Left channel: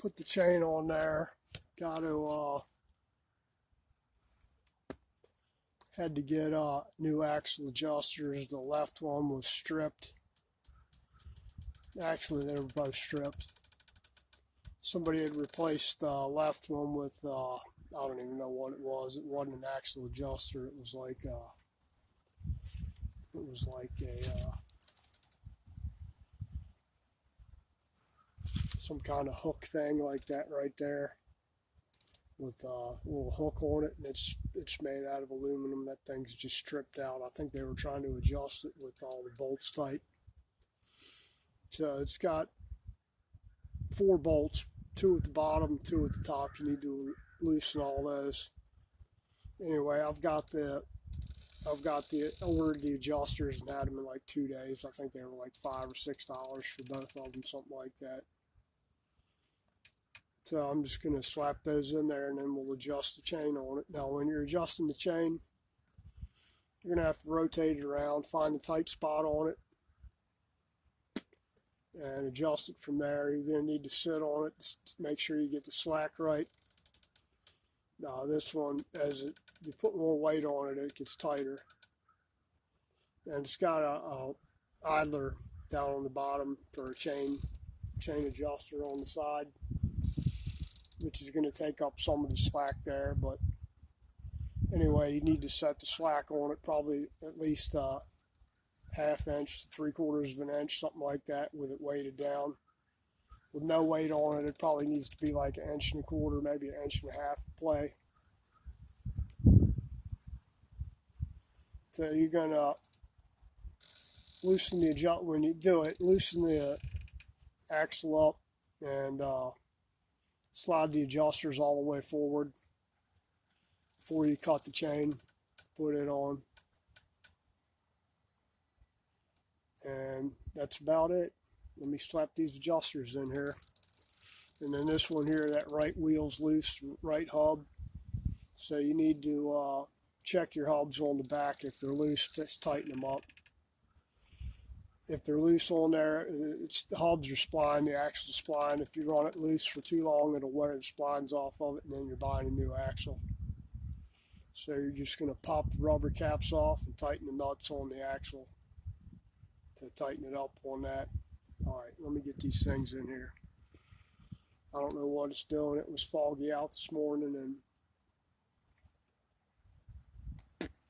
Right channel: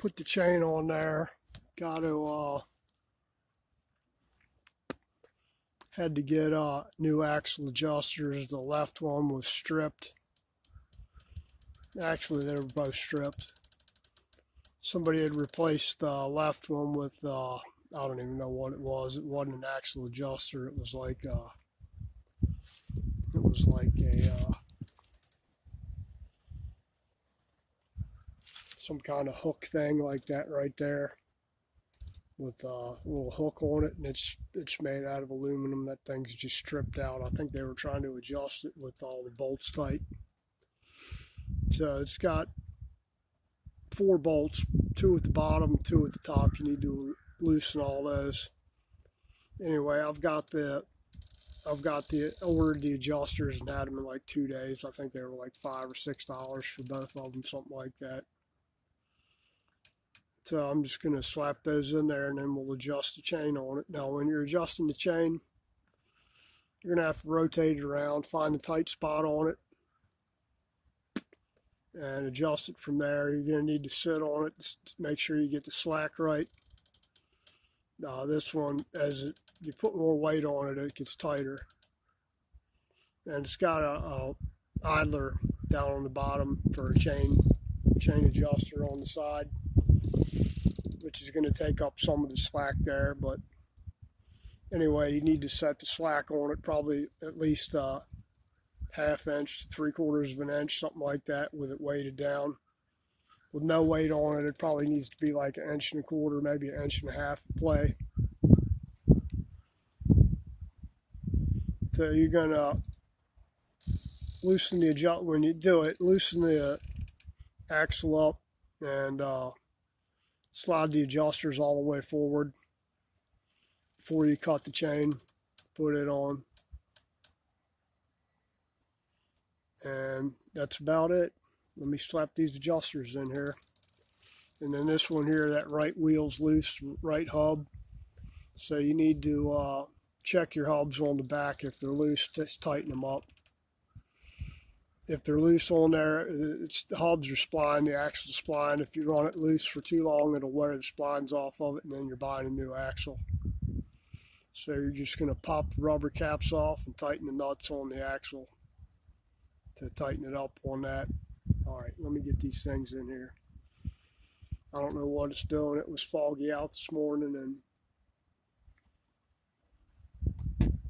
put the chain on there. Got to had to get new axle adjusters. The left one was stripped. Actually, they were both stripped. Somebody had replaced the left one with I don't even know what it was. It wasn't an axle adjuster. It was like a some kind of hook thing like that right there, with a little hook on it, and it's made out of aluminum. That thing's just stripped out. I think they were trying to adjust it with all the bolts tight. So it's got 4 bolts, 2 at the bottom, 2 at the top. You need to loosen all those. Anyway, I ordered the adjusters and had them in like 2 days. I think they were like $5 or $6 for both of them, something like that. So I'm just going to slap those in there, and then we'll adjust the chain on it. Now, when you're adjusting the chain, you're going to have to rotate it around, find the tight spot on it, and adjust it from there. You're going to need to sit on it to make sure you get the slack right. This one, as you put more weight on it, it gets tighter. And it's got a idler down on the bottom for a chain adjuster on the side, which is going to take up some of the slack there. But anyway, you need to set the slack on it probably at least ½ inch, 3/4 of an inch, something like that, with it weighted down. With no weight on it, it probably needs to be like 1 1/4 inches, maybe 1.5 inches play. So you're gonna loosen when you do it, loosen the axle up and slide the adjusters all the way forward before you cut the chain, put it on. And that's about it. Let me slap these adjusters in here. And then this one here, that right wheel's loose, right hub. So you need to check your hubs on the back. If they're loose, just tighten them up. If they're loose on there, the hubs are spline, the axle's spline. If you run it loose for too long, it'll wear the splines off of it, and then you're buying a new axle. So you're just going to pop the rubber caps off and tighten the nuts on the axle to tighten it up on that. Alright, let me get these things in here. I don't know what it's doing. It was foggy out this morning and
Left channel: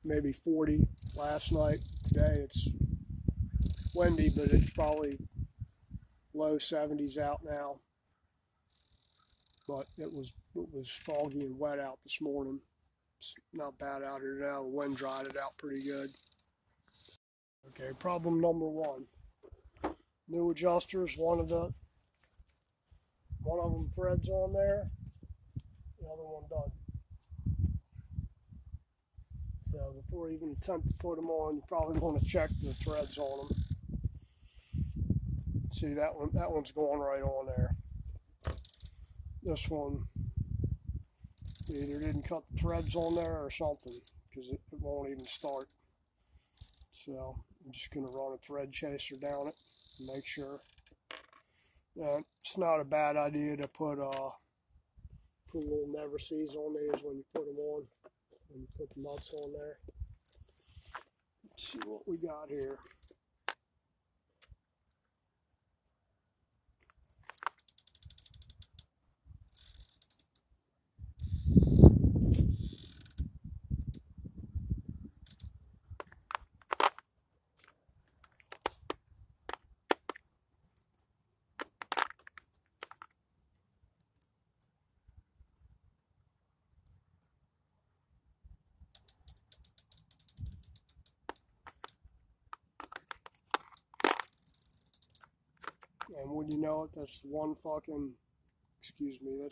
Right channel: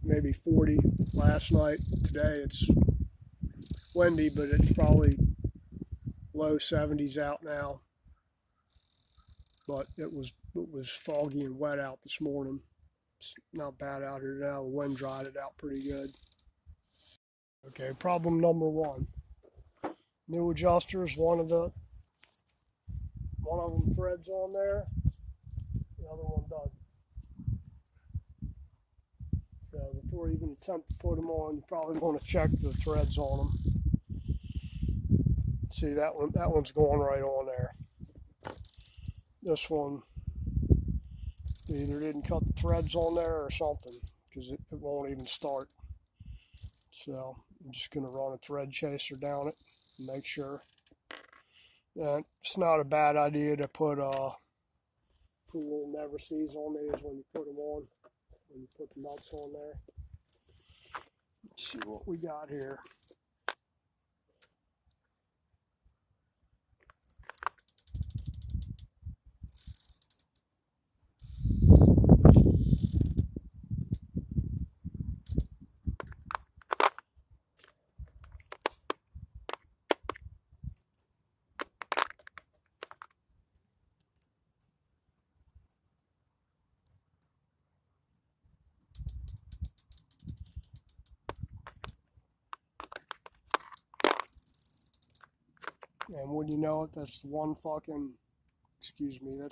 maybe 40 last night. Today it's windy, but it's probably low 70s out now. But it was foggy and wet out this morning. It's not bad out here now. The wind dried it out pretty good. Okay, problem number 1. New adjusters. One of them threads on there, the other one doesn't. So before you even attempt to put them on, you probably want to check the threads on them. See, that one's going right on there. This one either didn't cut the threads on there or something, because it won't even start. So I'm just going to run a thread chaser down it and make sure. It's not a bad idea to put little never sees on these when you put them on, when you put the nuts on there. Let's see what we got here. And when you know it, that's the one that's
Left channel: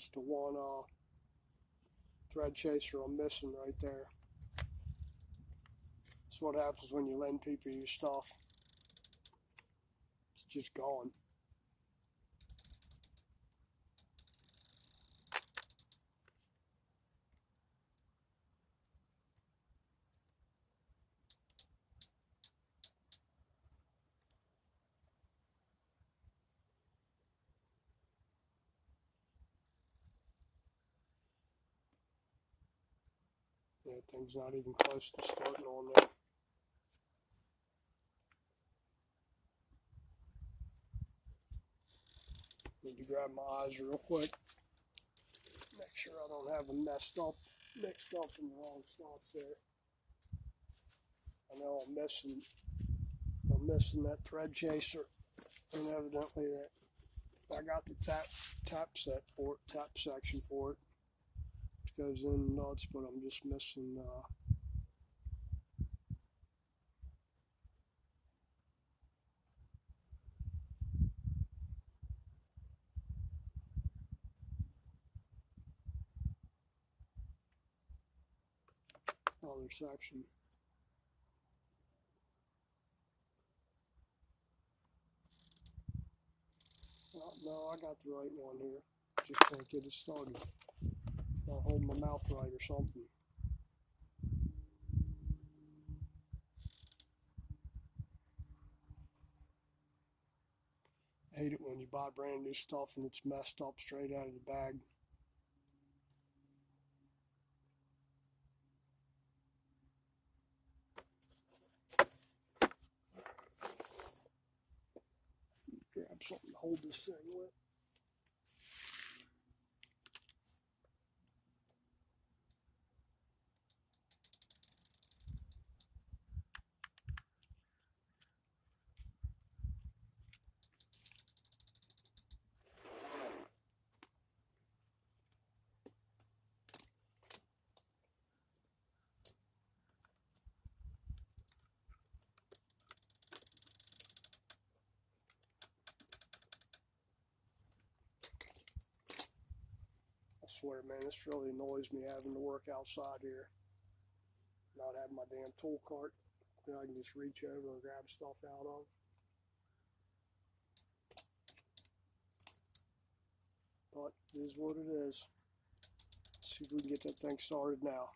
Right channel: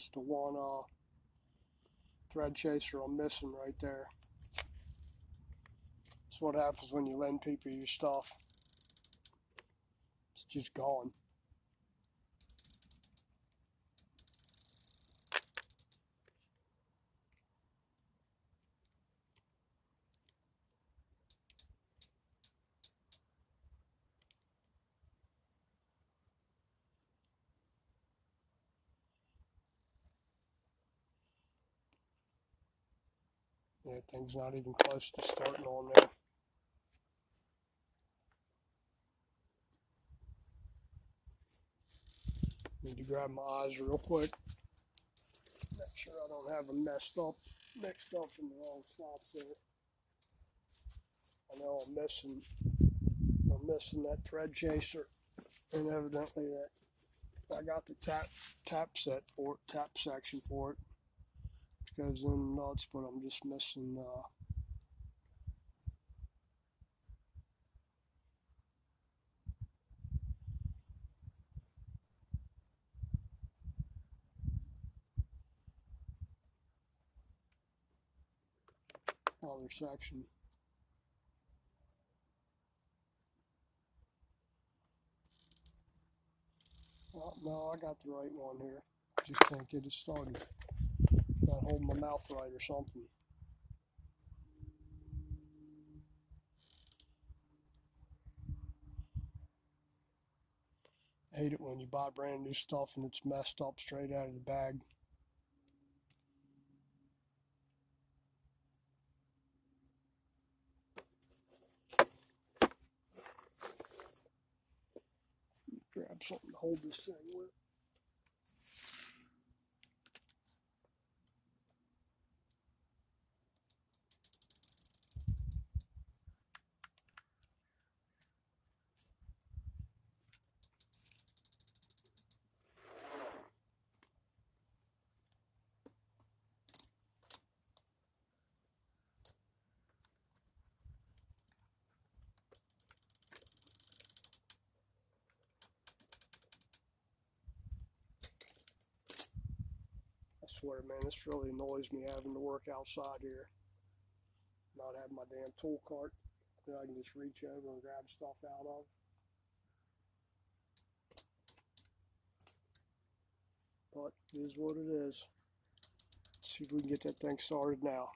the one thread chaser I'm missing right there. That's what happens when you lend people your stuff. It's just gone. That thing's not even close to starting on there. Need to grab my eyes real quick. Make sure I don't have them mixed up in the wrong slots there. I know I'm missing that thread chaser, and evidently that I got the tap section for it, which goes in nuts, but I'm just missing other section. Oh, no, I got the right one here. Just can't get it started. Not holding my mouth right or something. I hate it when you buy brand new stuff and it's messed up straight out of the bag. Grab something to hold this thing with. I swear, man, this really annoys me having to work outside here. Not having my damn tool cart that I can just reach over and grab stuff out of. But it is what it is. Let's see if we can get that thing started now.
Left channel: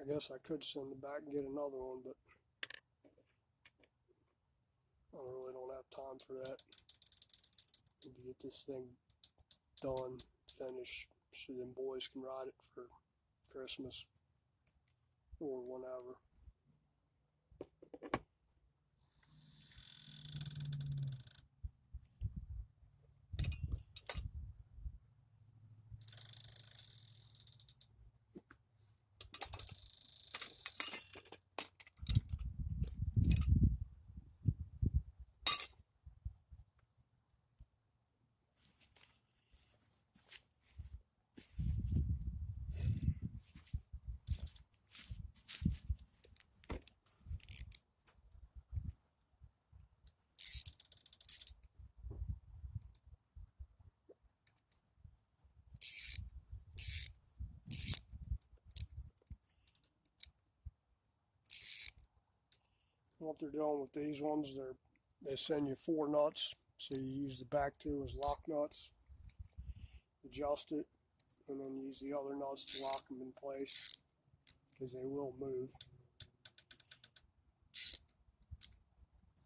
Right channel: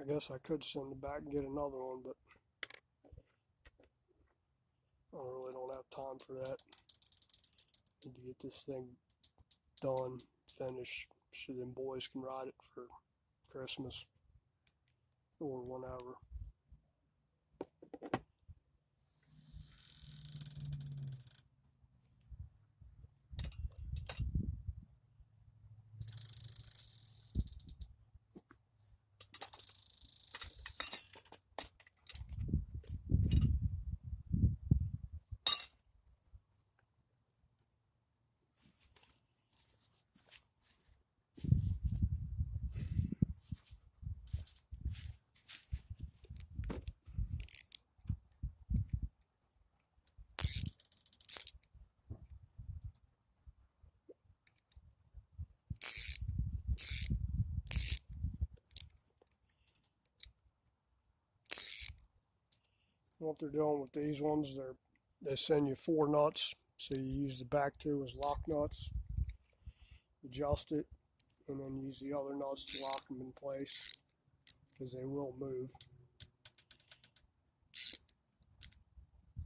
I guess I could send it back and get another one, but I really don't have time for that. Need to get this thing done, finished, so them boys can ride it for Christmas or whenever. What they're doing with these ones, they send you 4 nuts, so you use the back 2 as lock nuts, adjust it, and then use the other nuts to lock them in place, because they will move,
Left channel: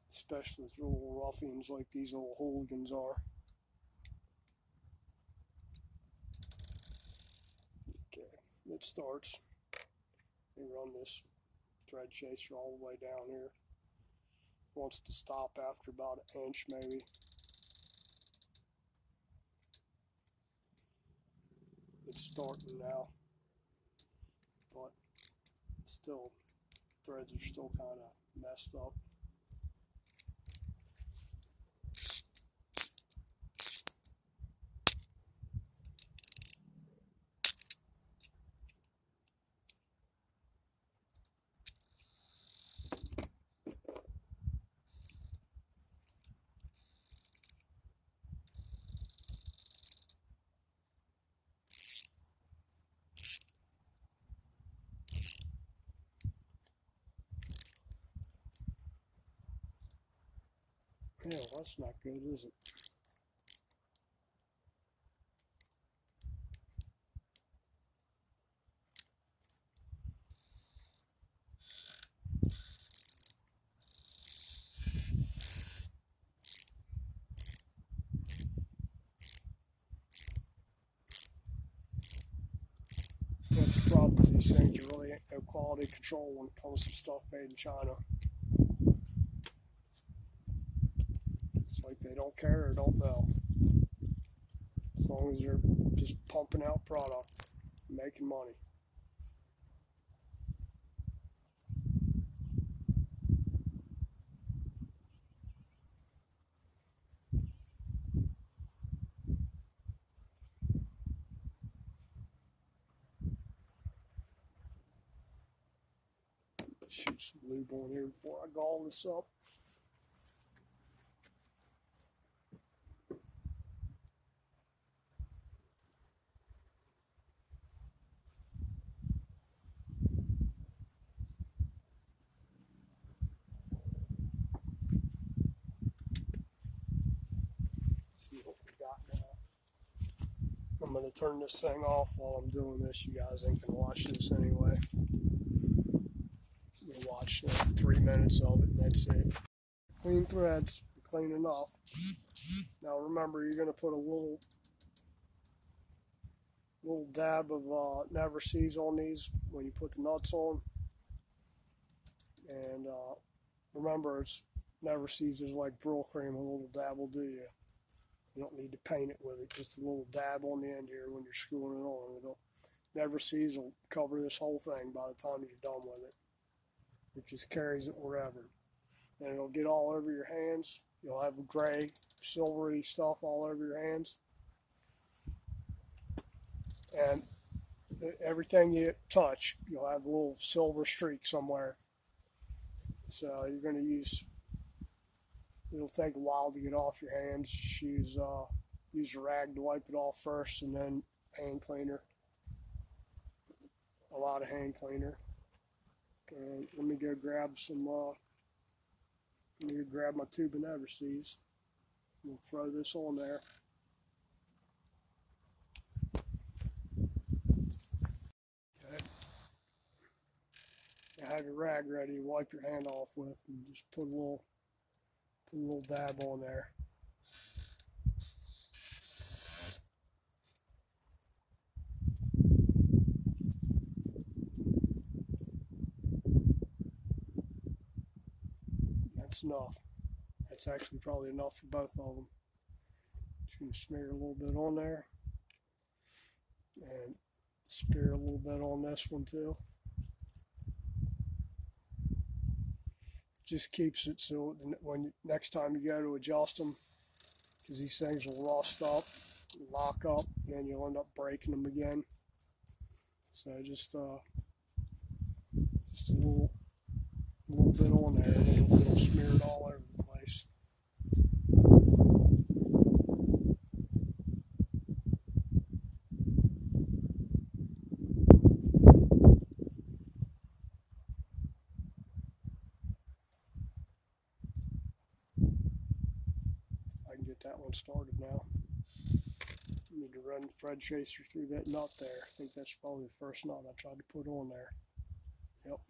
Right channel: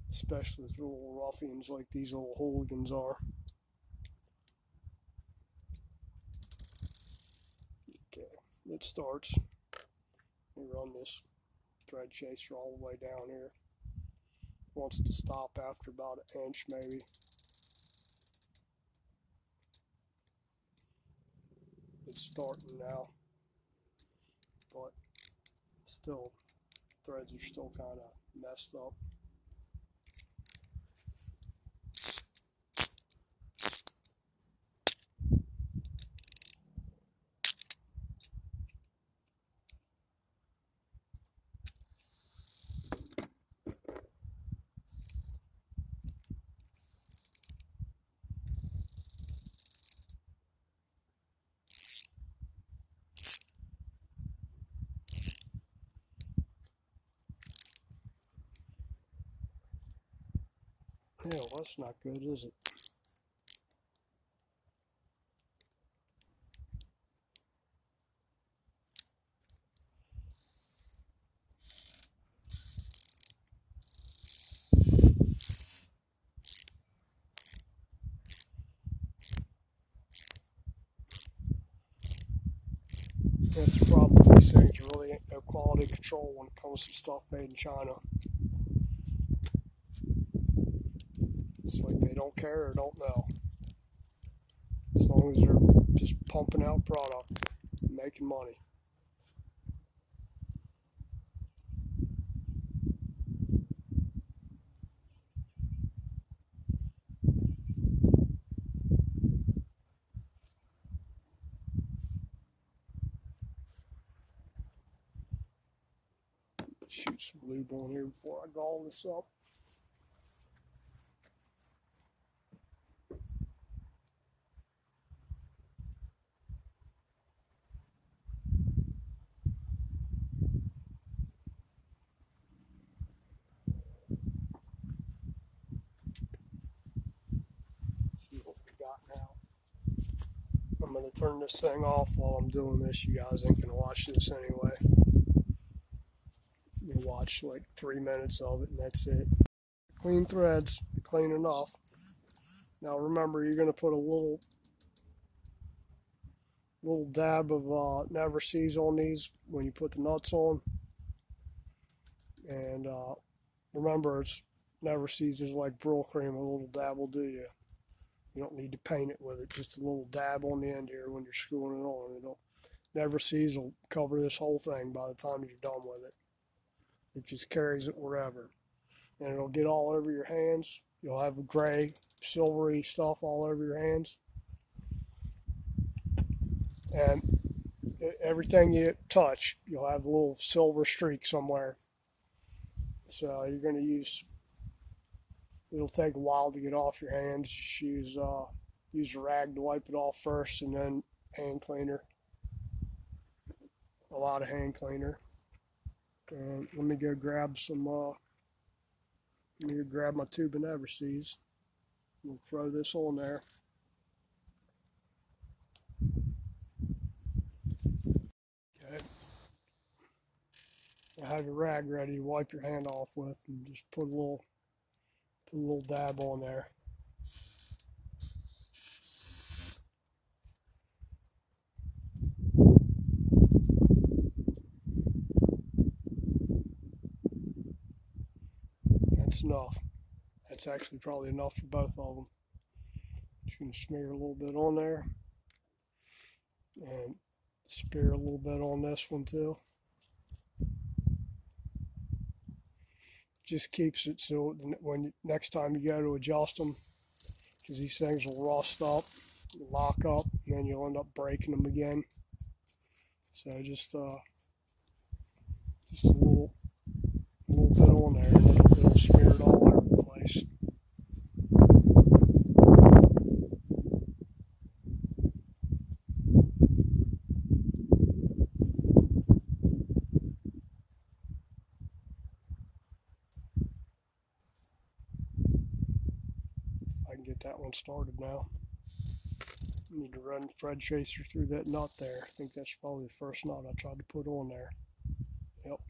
especially for little ruffians like these little hooligans are. Okay, it starts. Let me run this thread chaser all the way down here. Wants to stop after about an inch maybe. It's starting now, but still, threads are still kind of messed up. That's not good, is it? That's the problem with these things. You really ain't no quality control when it comes to stuff made in China. It's like they don't care or don't know. As long as they're just pumping out product and making money. Shoot some lube on here before I gall this up. See what we got now. I'm going to turn this thing off while I'm doing this. You guys ain't going to watch this anyway. You watch like 3 minutes of it and that's it. Clean threads, clean enough. Now remember, you're going to put a little dab of Never Seas on these when you put the nuts on. And remember, it's Never Seas is like Brill cream. A little dab will do you. You don't need to paint it with it. Just a little dab on the end here when you're screwing it on. Never Seas will cover this whole thing by the time you're done with it. It just carries it wherever. And it'll get all over your hands. You'll have gray, silvery stuff all over your hands. And everything you touch, you'll have a little silver streak somewhere. So you're going to use, it'll take a while to get off your hands. Just use a rag to wipe it off first, and then hand cleaner. A lot of hand cleaner. And let me go grab some, let me go grab my tube of Never Seas. We'll throw this on there. Okay. I have your rag ready to wipe your hand off with, and just put a little dab on there. That's enough. That's actually probably enough for both of them. Just going to smear a little bit on there. And smear a little bit on this one too. Just keeps it so when next time you go to adjust them, because these things will rust up, lock up, and then you'll end up breaking them again. So just a little bit on there, it'll smear it all over the place. I can get that one started now. I need to run the thread tracer through that nut there. I think that's probably the first nut I tried to put on there. Yep.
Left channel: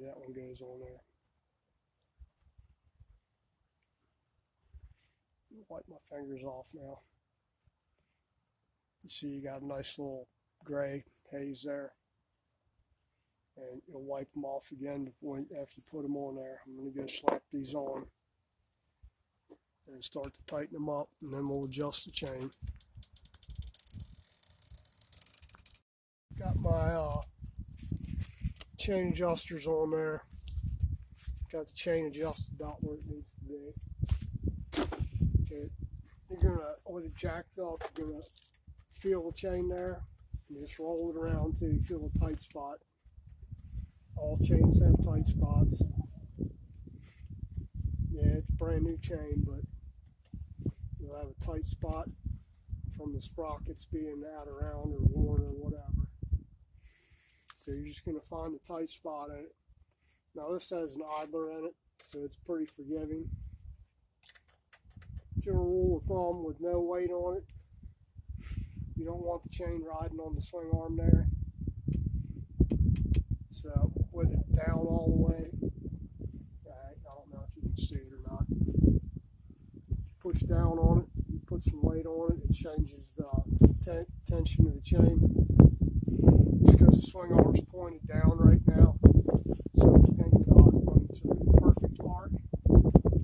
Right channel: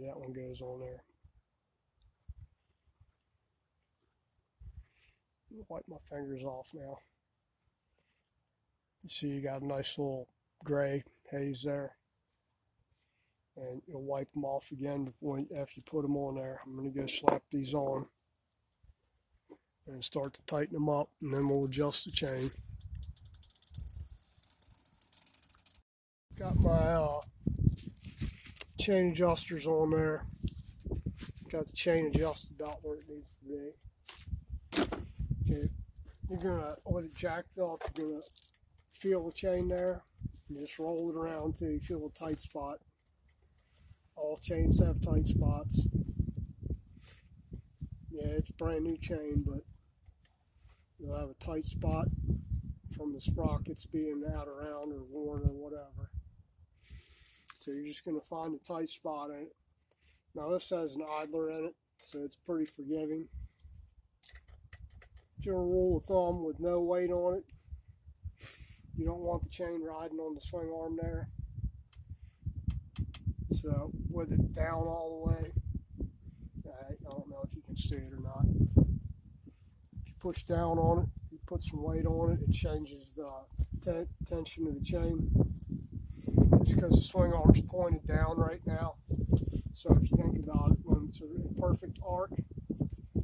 That one goes on there. Wipe my fingers off now. You see you got a nice little gray haze there. And you'll wipe them off again after you put them on there. I'm going to go slap these on and start to tighten them up, and then we'll adjust the chain. Got my chain adjusters on there. Got the chain adjusted about where it needs to be. Okay, you're gonna, with a jack belt, you're gonna feel the chain there and just roll it around till you feel a tight spot. All chains have tight spots. Yeah, it's a brand new chain, but you'll have a tight spot from the sprockets being out around or worn or whatever. So you're just going to find a tight spot in it. Now this has an idler in it, so it's pretty forgiving. General rule of thumb with no weight on it, you don't want the chain riding on the swing arm there. So with it down all the way, I don't know if you can see it or not. If you push down on it, you put some weight on it, it changes the tension of the chain. Just because the swing arm is pointed down right now. So if you think about it, when it's a really perfect arc,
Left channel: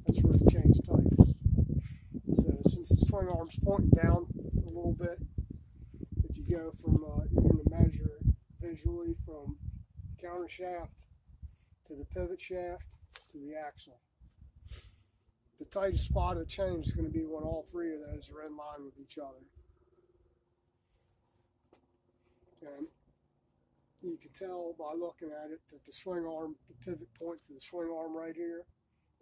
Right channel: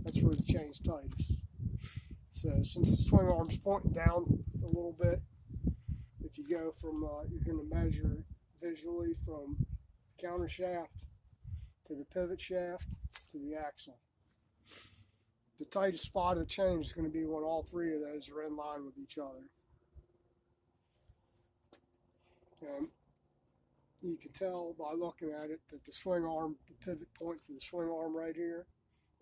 that's where the chain's tightest. So since the swing arm's pointing down a little bit, if you go from, you're going to measure visually from the counter shaft to the pivot shaft to the axle. The tightest spot of the chain is going to be when all three of those are in line with each other. And you can tell by looking at it that the swing arm, the pivot point for the swing arm right here,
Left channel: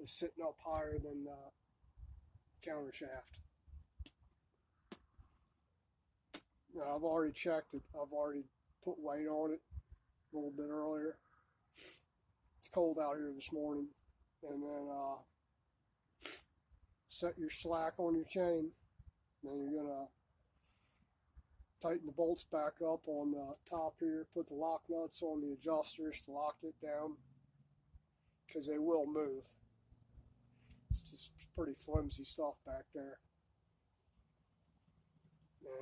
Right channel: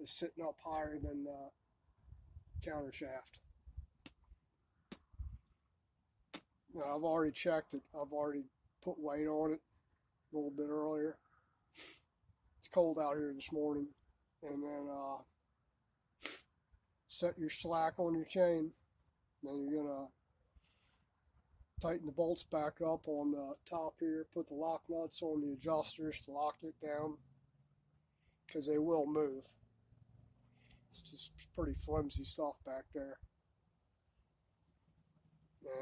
is sitting up higher than the counter shaft. Now I've already checked it. I've already put weight on it a little bit earlier. It's cold out here this morning. And then set your slack on your chain. Then you're going to tighten the bolts back up on the top here. Put the lock nuts on the adjusters to lock it down, because they will move. It's just pretty flimsy stuff back there.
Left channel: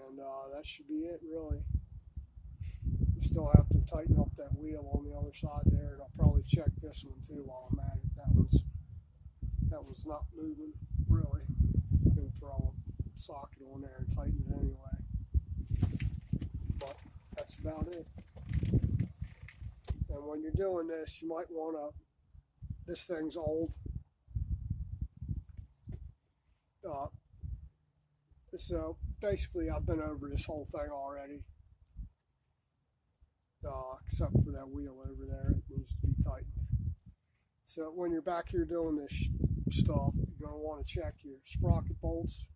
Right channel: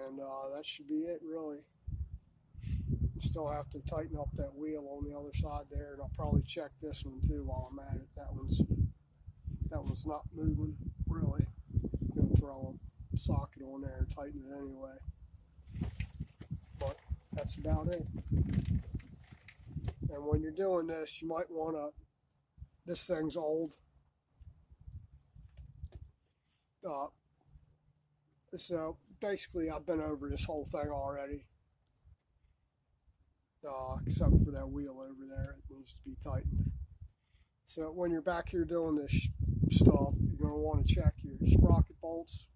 And that should be it, really. You still have to tighten up that wheel on the other side there, and I'll probably check this one too while I'm at it. That one's not moving, really. I'm going to throw a socket on there and tighten it anyway. But that's about it. And when you're doing this, you might want to, this thing's old. So basically I've been over this whole thing already. Except for that wheel over there, it needs to be tightened. So when you're back here doing this stuff, you're going to want to check your sprocket bolts,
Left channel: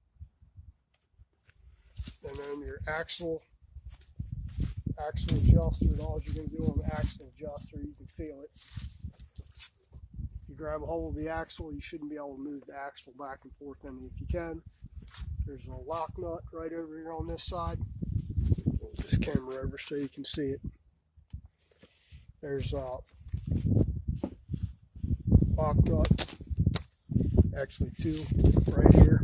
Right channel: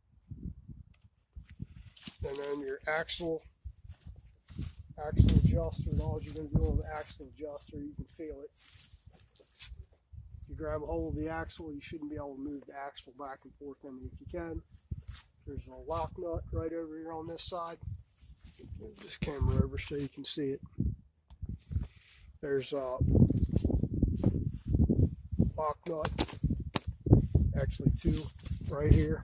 and then your axle adjuster. And all you're going to do on the axle adjuster, you can feel it. You grab a hold of the axle, you shouldn't be able to move the axle back and forth any. If you can, there's a lock nut right over here on this side. Move this camera over so you can see it. There's a lock nut, actually two right here.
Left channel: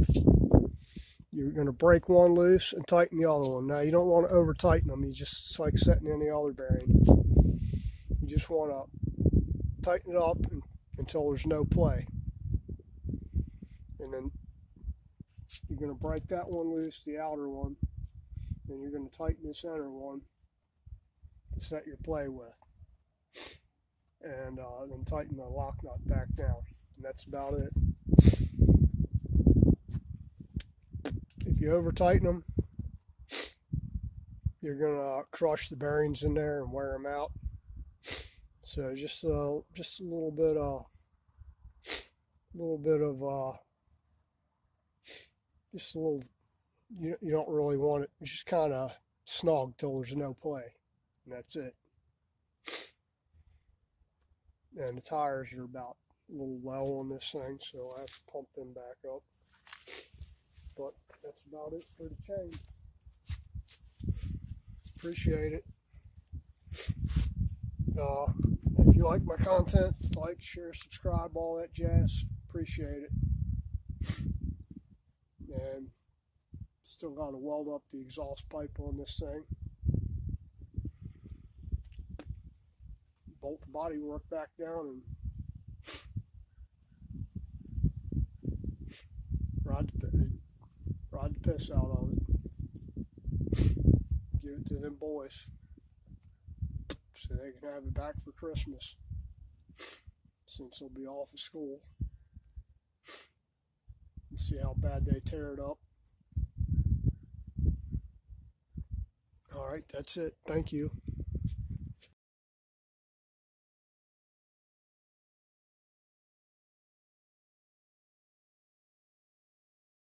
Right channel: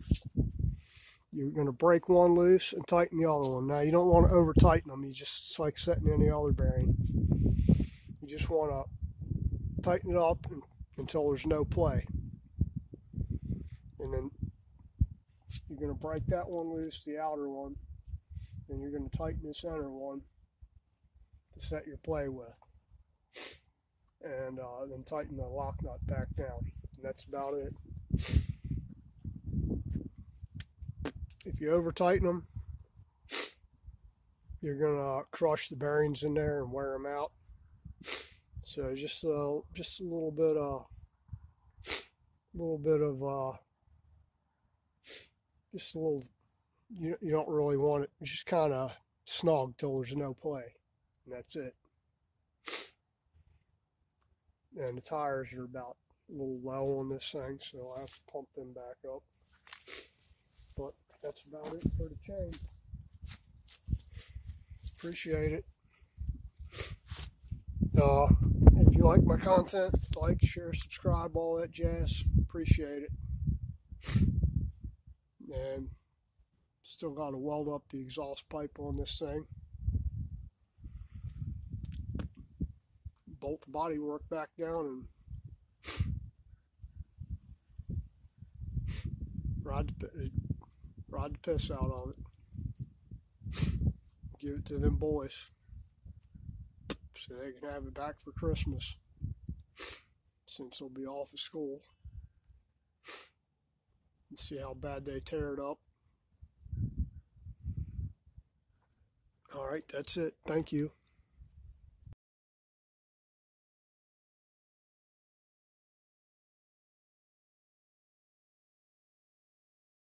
You're going to break one loose and tighten the other one. Now you don't want to over tighten them. You just, it's like setting any other bearing. You just want to tighten it up until there's no play. And then you're going to break that one loose, the outer one. Then you're going to tighten this inner one to set your play with. And then tighten the lock nut back down. And that's about it. If you over tighten them, you're going to crush the bearings in there and wear them out. So just a little bit of just a little, you don't really want it, just kind of snug till there's no play, and that's it. And the tires are about a little low on this thing, so I have to pump them back up. But that's about it for the chain. Appreciate it. If you like my content, like, share, subscribe, all that jazz. Appreciate it. And still got to weld up the exhaust pipe on this thing. Bolt the body work back down and ride the piss out of it. Give it to them boys so they can have it back for Christmas, since they'll be off of school. And see how bad they tear it up. Alright, that's it. Thank you.